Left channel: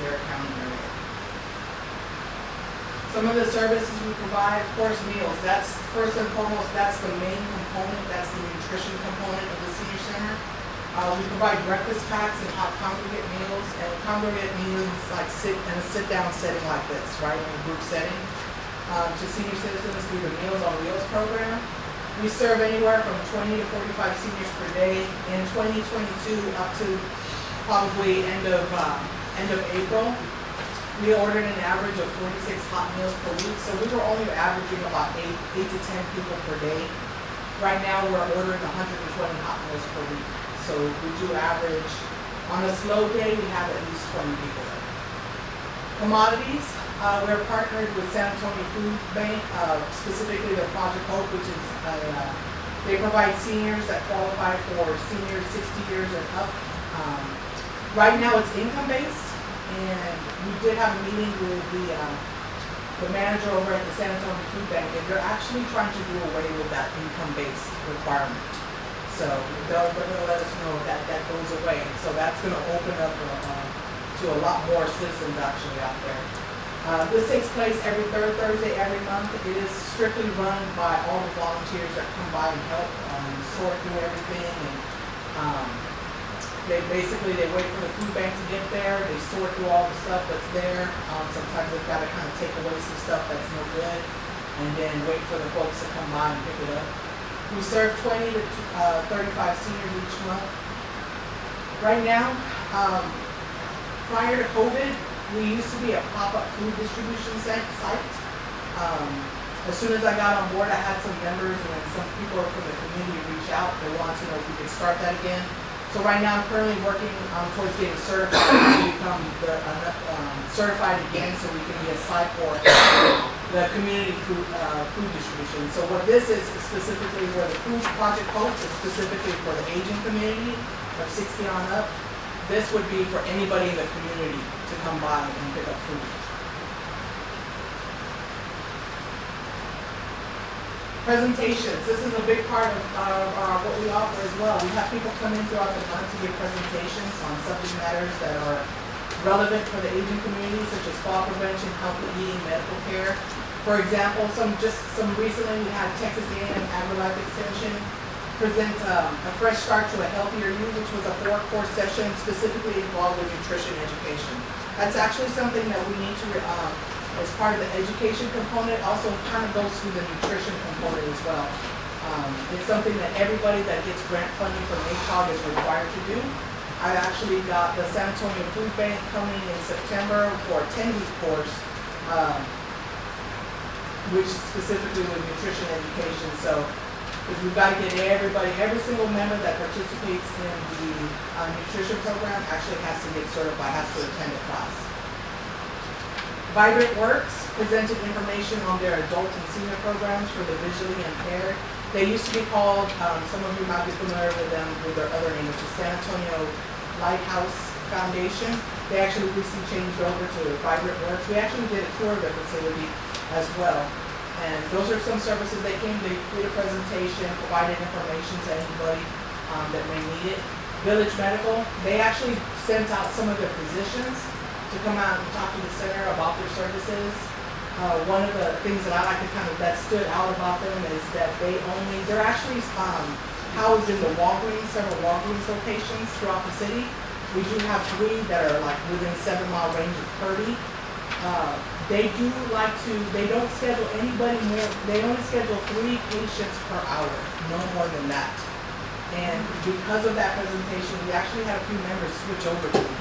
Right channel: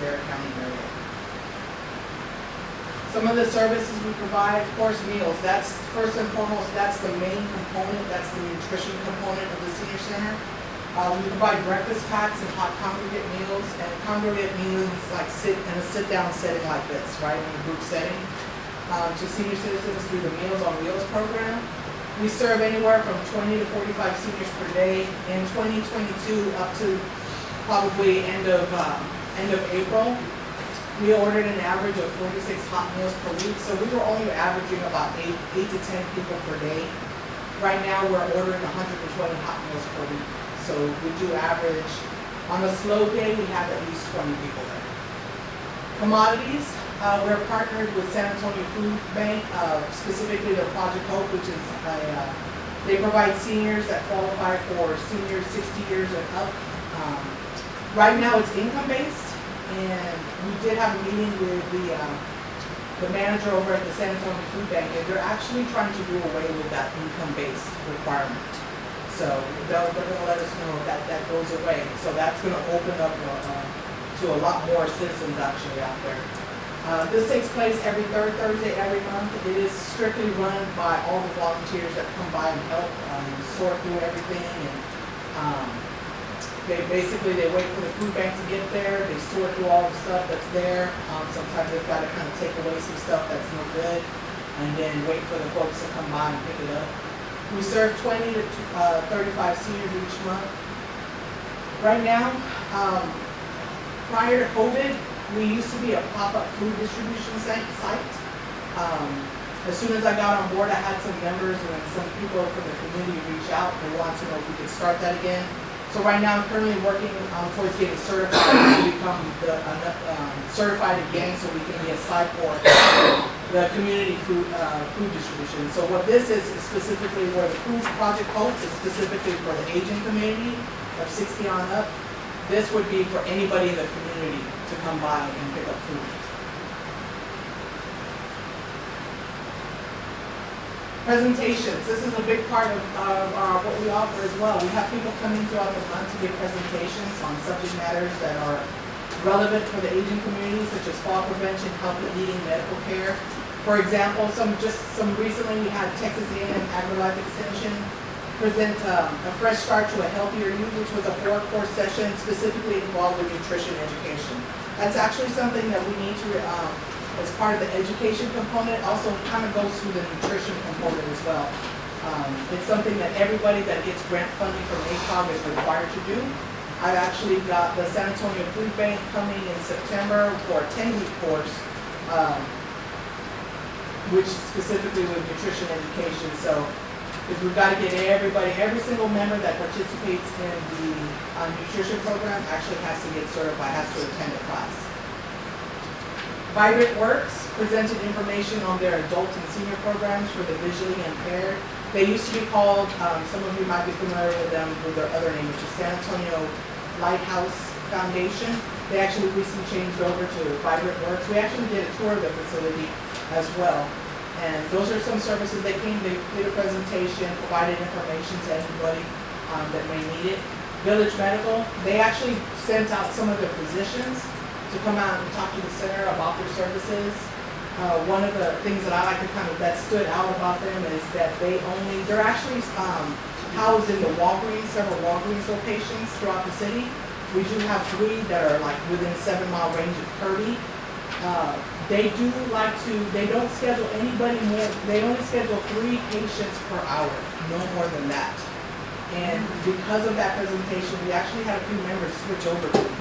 their county area. Some of the services we provide, of course, meals. That's first and foremost, that's the main component, that's the nutrition component of the senior center. We provide breakfast packs and hot congregate meals, and congregate means like in a sit-down setting like this, right, in a group setting, to senior citizens through the Meals on Wheels program. We serve anywhere from 20 to 45 seniors per day. In 2022, up to probably end of April, we ordered an average of 46 hot meals per week, so we were only averaging about 8 to 10 people per day. Right now, we're ordering 120 hot meals per week. So we do average, on a slow day, we have at least 20 people there. Commodities, we're partnered with San Antonio Food Bank, specifically their Project Hope, which is they provide seniors that qualify for seniors 60 years and up. Right now it's income-based, and we did have a meeting with the manager over at the San Antonio Food Bank, and they're actually trying to do away with that income-based requirement. So they're going to let us know that that goes away. So that's going to open up to a lot more citizens actually out there. This takes place every third Thursday every month. It is strictly run by all the volunteers that come by and help sort through everything. And they wait for the food bank to get there. They sort through all the stuff that's there. Sometimes they've got to kind of take away some stuff that's no good, and then wait for the folks to come by and pick it up. We serve 20 to 35 seniors each month. Right now, prior to COVID, we used to be a pop-up food distribution site. As soon as I got on board, I had some members and some people from the community reach out. They want to know if we could start that again. So right now, I'm currently working towards getting certified to become certified again, so we can be a site for the community food distribution. So what this is specifically where the Food Project Hope is specifically for the aging community of 60 on up. This would be for anybody in the community to come by and pick up food. Presentations. This is a big part of what we offer as well. We have people come in throughout the month to give presentations on subject matters that are relevant for the aging community, such as fall prevention, healthy eating, medical care. For example, recently we had Texas A&M AgriLife Extension present a fresh start to a healthier you, which was a 4-course session specifically involved with nutrition education. That's actually something that we need to, as part of the education component, also kind of goes through the nutrition component as well. It's something that everybody that gets grant funding from ACOG is required to do. I've actually got the San Antonio Food Bank coming in September for a 10-week course, which is specifically with nutrition education. So because we've got to get everybody, every single member that participates in the nutrition program actually has to get certified, has to attend a class. Vibrant Works presented information on their adult and senior programs for the visually impaired. They used to be called, some of you might be familiar with them with their other name, which is San Antonio Lighthouse Foundation. They actually recently changed over to Vibrant Works. We actually did a tour of their facility as well. And those are some services they came, they did a presentation, provided information to anybody that may need it. Village Medical, they actually sent out some of their physicians to come out and talk to the center about their services. One of the things that I like to that stood out about them is that they're actually housed in the Walgreens, several Walgreens locations throughout the city. We do have 3 that are like within 7-mile range of Kirby. They don't schedule anybody more, they only schedule 3 patients per hour, no more than that. And because of that presentation, we actually had a few members switch over to them.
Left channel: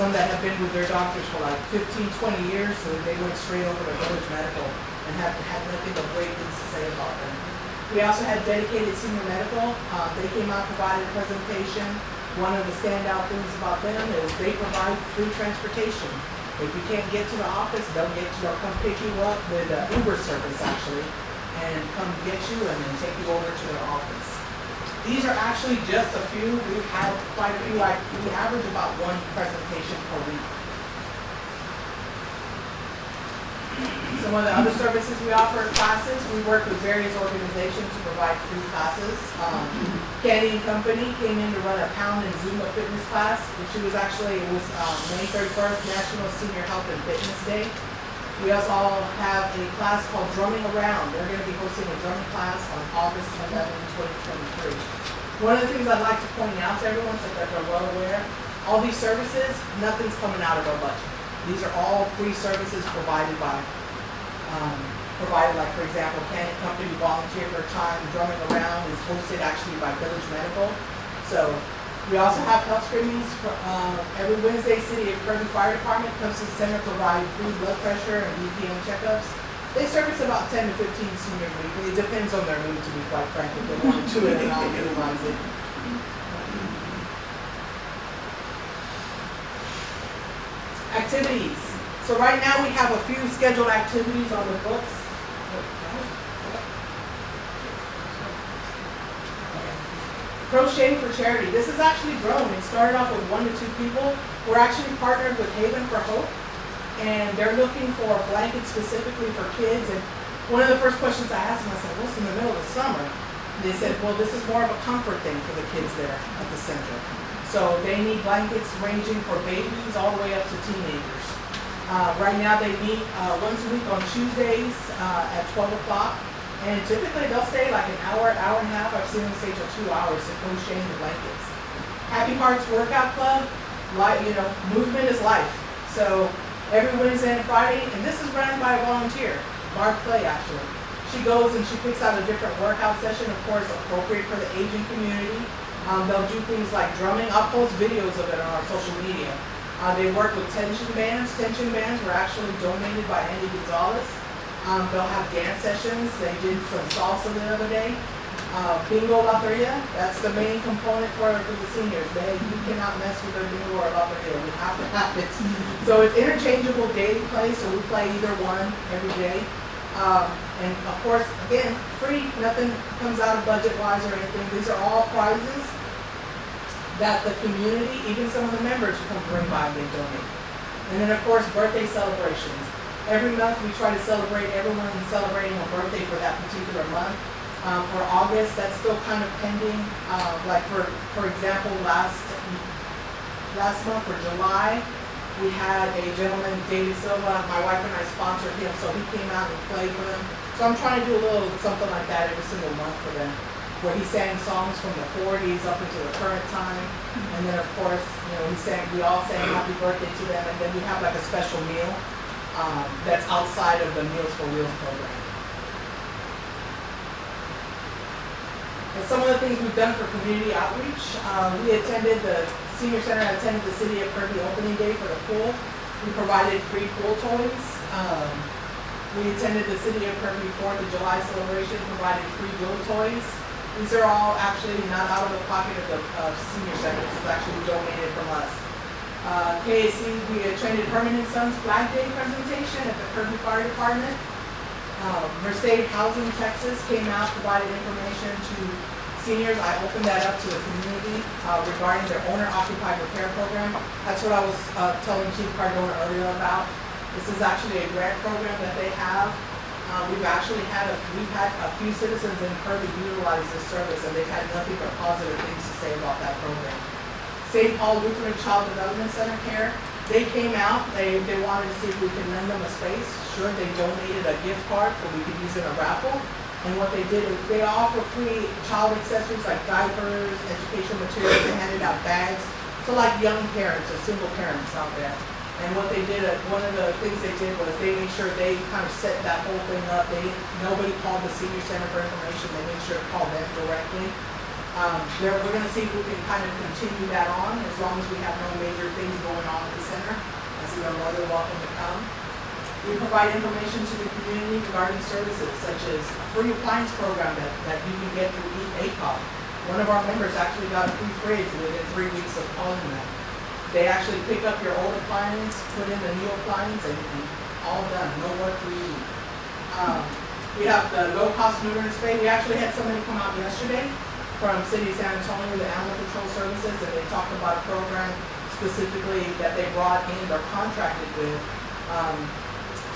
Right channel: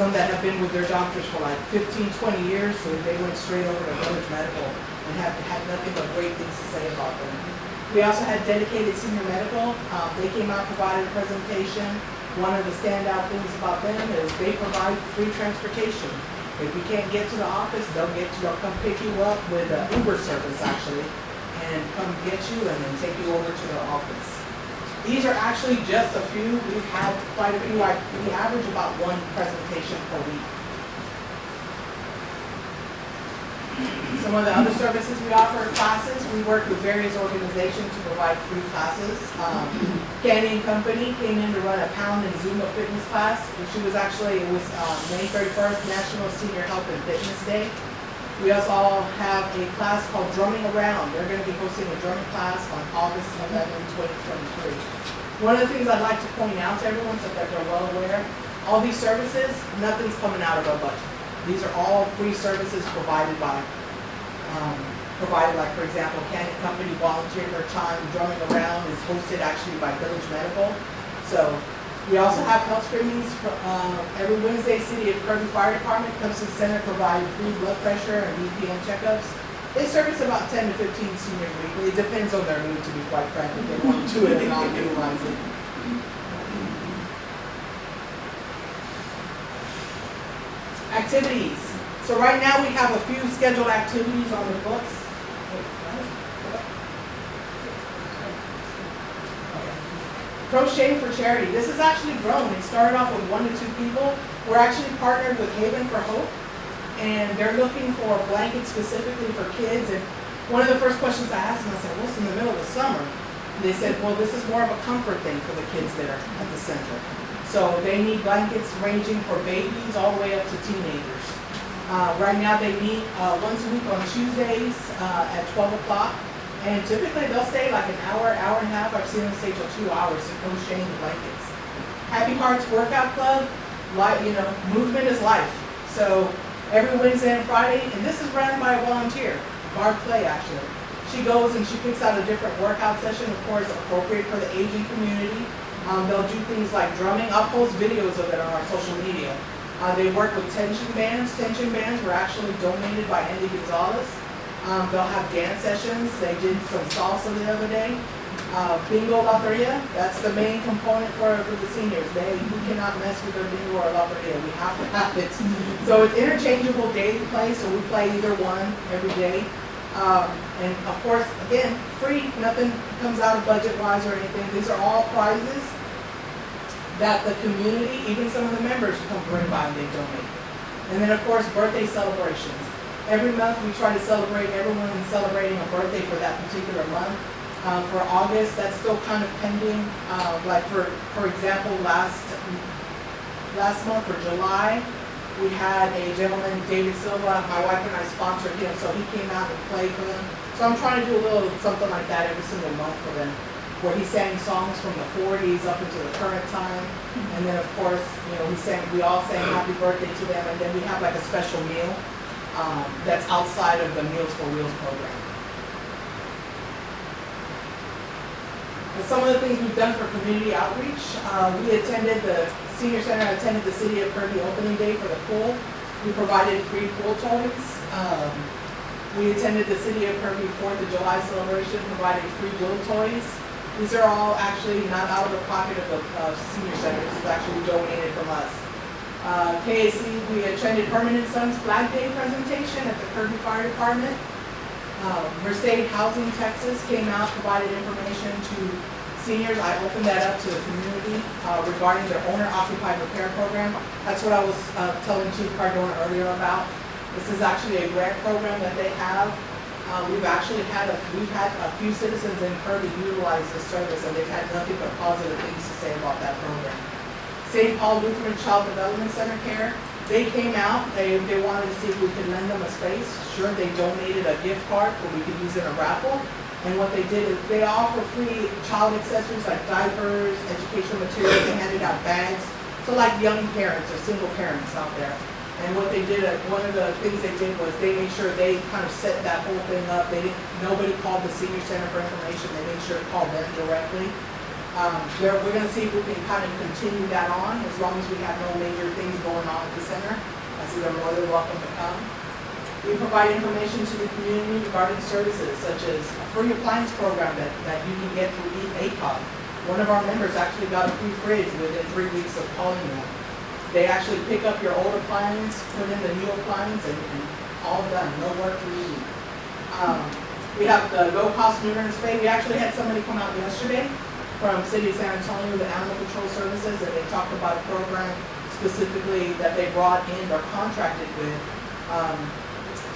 Some that have been with their doctors for like 15, 20 years, so they went straight over to Village Medical and had nothing but great things to say about them. We also had Dedicated Senior Medical. They came out, provided a presentation. One of the standout things about them is they provide free transportation. If you can't get to the office, they'll come pick you up with an Uber service actually, and come get you and then take you over to their office. These are actually just a few. We've had quite a few. We average about 1 presentation per week. Some of the other services we offer are classes. We work with various organizations to provide free classes. Candy and Company came in to run a pound and Zumba fitness class. It was May 31st, National Senior Health and Fitness Day. We also have a class called Drumming Around. They're going to be hosting a drumming class on August 11, 2023. One of the things I'd like to point out to everyone so that they're well aware, all these services, nothing's coming out of our budget. These are all free services provided like, for example, Candy Company volunteer their time. Drumming Around is hosted actually by Village Medical. So we also have health screenings for every Wednesday. City of Kirby Fire Department comes to the center, provide free blood pressure and BPM checkups. They service about 10 to 15 seniors weekly. It depends on their mood, to be quite frank, if they want to do it and not utilize it. Activities. So right now we have a few scheduled activities on the books. Crochet for Charity. This has actually grown. It started off with 1 to 2 people. We're actually partnered with Haven for Hope, and they're looking for blankets specifically for kids. And one of the first questions I asked them, I said, "What's in the middle of summer?" And they said, "Well, this is more of a comfort thing for the kids there at the center." So they need blankets ranging for babies all the way up to teenagers. Right now they meet once a week on Tuesdays at 12 o'clock. And typically they'll stay like an hour, hour and a half. I've seen them stay till 2 hours to crocheting the blankets. Happy Hearts Workout Club, movement is life. So every Wednesday and Friday, and this is run by a volunteer, Barb Clay actually. She goes and she picks out a different workout session, of course, appropriate for the aging community. They'll do things like drumming. I'll post videos of it on our social media. They work with tension bands. Tension bands were actually donated by Andy Gonzalez. They'll have dance sessions. They did some salsa the other day. Bingo Loteria, that's the main component for the seniors. You cannot mess with their bingo or loteria. We have to have it. So it's interchangeable daily play, so we play either one every day. And of course, again, free. Nothing comes out of budget-wise or anything. These are all prizes that the community, even some of the members, come bring by and they donate. And then of course, birthday celebrations. Every month we try to celebrate everyone celebrating a birthday for that particular month. For August, that's still kind of pending. Like for example, last month for July, we had a gentleman, David Silva. My wife and I sponsored him, so he came out and played for them. So I'm trying to do a little something like that every single month for them, where he sang songs from the 40s up until the current time. And then of course, we all sang happy birthday to them, and then we have like a special meal that's outside of the Meals for Wheels program. And some of the things we've done for community outreach, the Senior Center attended the City of Kirby opening day for the pool. We provided free pool toys. We attended the City of Kirby 4th of July celebration, provided free glow toys. These are all actually not out of the pocket of the Senior Center. This is actually donated from us. KAC, we attended Herman & Sons Flag Day presentation at the Kirby Fire Department. Mercedes Housing Texas came out, provided information to seniors. I opened that up to the community regarding their owner-occupied repair program. That's what I was telling Chief Cardona earlier about. This is actually a grant program that they have. We've had a few citizens in Kirby utilize this service, and they've had nothing but positive things to say about that program. St. Paul Lutheran Child Development Center Care, they came out, they wanted to see if we could lend them a space. Sure, they donated a gift card so we could use it in a raffle. And what they did is they offer free child accessories like diapers, educational materials. They handed out bags. So like young parents or single parents out there. And what they did, one of the things they did was they made sure they kind of set that whole thing up. Nobody called the Senior Center for information. They made sure to call them directly. We're going to see if we can kind of continue that on as long as we have no major things going on at the center. I see they're more than welcome to come. We provide information to the community regarding services such as a free appliance program that you can get through ACOG. One of our members actually got a free fridge within 3 weeks of calling them. They actually pick up your old appliance, put in the new appliance, and all done. No work for you. We have the low-cost neuter and spay. We actually had somebody come out yesterday from City of San Antonio, the Animal Control Services, and they talked about a program specifically that they brought in or contracted with,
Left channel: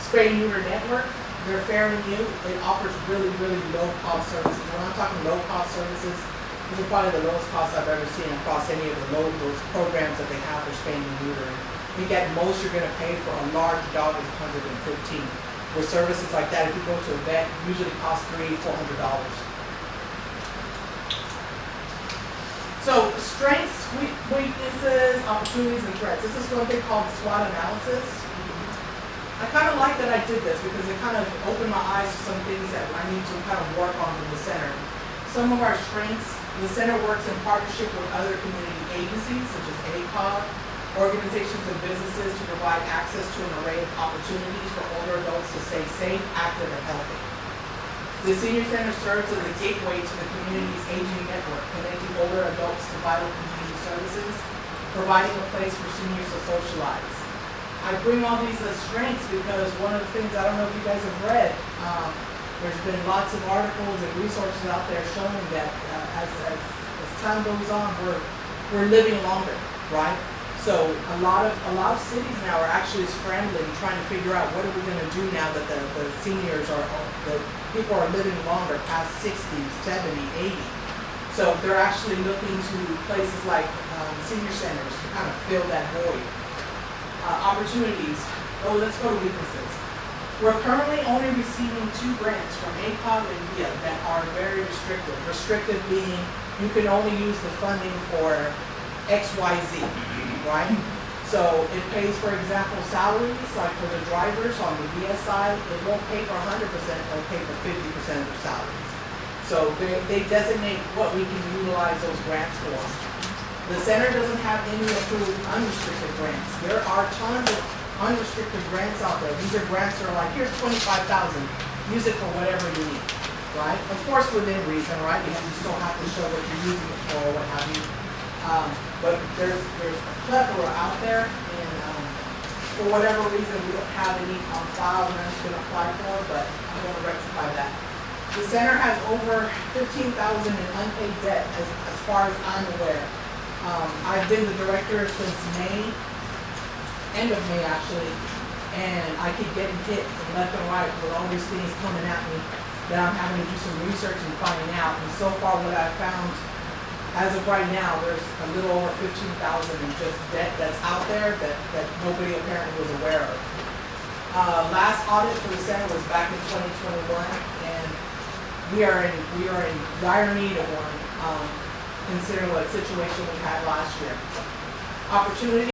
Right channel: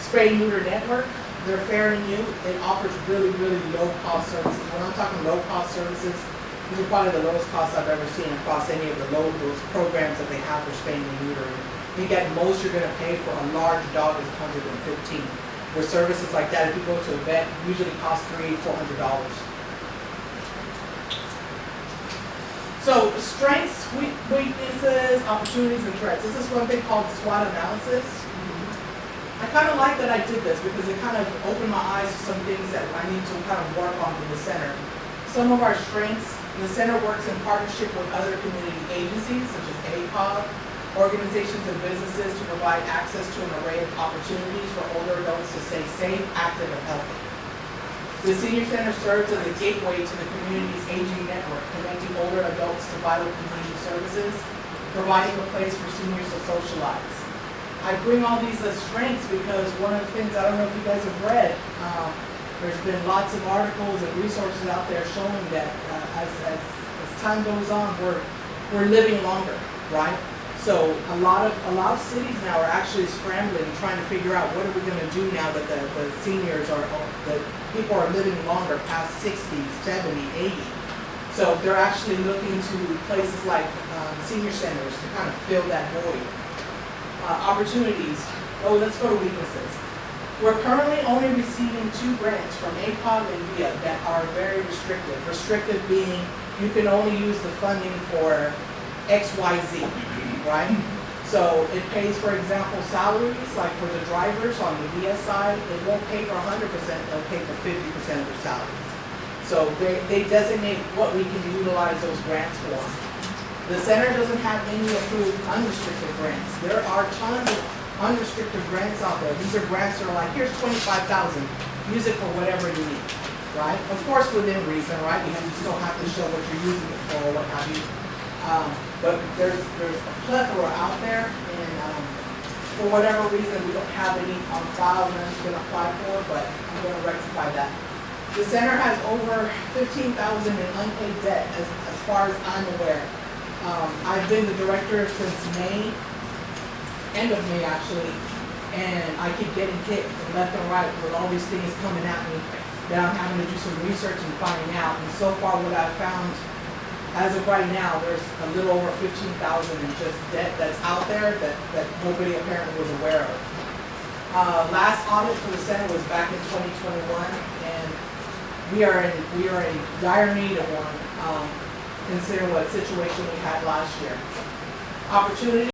Spay Neuter Network. They're fair and new. It offers really, really low-cost services. When I'm talking low-cost services, these are probably the lowest costs I've ever seen across any of those programs that they have for spaying and neutering. I think at most you're going to pay for a large dog is $115. With services like that, if you go to a vet, usually costs $300-400. So strengths, weaknesses, opportunities, and threats. This is one thing called SWOT analysis. I kind of like that I did this because it kind of opened my eyes to some things that I need to kind of work on in the center. Some of our strengths, the center works in partnership with other community agencies such as ACOG, organizations and businesses to provide access to an array of opportunities for older adults to stay safe, active, and healthy. The Senior Center serves as a gateway to the community's aging network, connecting older adults to vital community services, providing a place for seniors to socialize. I bring all these as strengths because one of the things, I don't know if you guys have read, there's been lots of articles and resources out there showing that as time goes on, we're living longer, right? So a lot of cities now are actually scrambling, trying to figure out what are we going to do now that the seniors the people are living longer, past 60, 70, 80. So they're actually looking to places like senior centers to kind of fill that void. Opportunities. Oh, let's go to weaknesses. We're currently only receiving 2 grants from ACOG and VIA that are very restrictive. Restrictive being you can only use the funding for XYZ, right? So it pays, for example, salaries, like for the drivers on the VIA side, it won't pay for 100%, it'll pay for 50% of their salaries. So they designate what we can utilize those grants for. The center doesn't have any approved unrestricted grants. There are tons of unrestricted grants out there. These are grants that are like, here's $25,000, use it for whatever you need, right? Of course, within reason, right? You still have to show what you're using it for, or what have you. But there's a plethora out there, and for whatever reason, we don't have any on file that has been applied for, but I'm going to rectify that. The center has over $15,000 in unpaid debt, as far as I'm aware. I've been the director since May, end of May actually, and I keep getting hit from left and right with all these things coming at me that I'm having to do some research and finding out. And so far what I've found, as of right now, there's a little over $15,000 in just debt that's out there that nobody apparently was aware of. Last audit for the center was back in 2021, and we are in dire need of one. Considering what situation we had last year. Opportunity.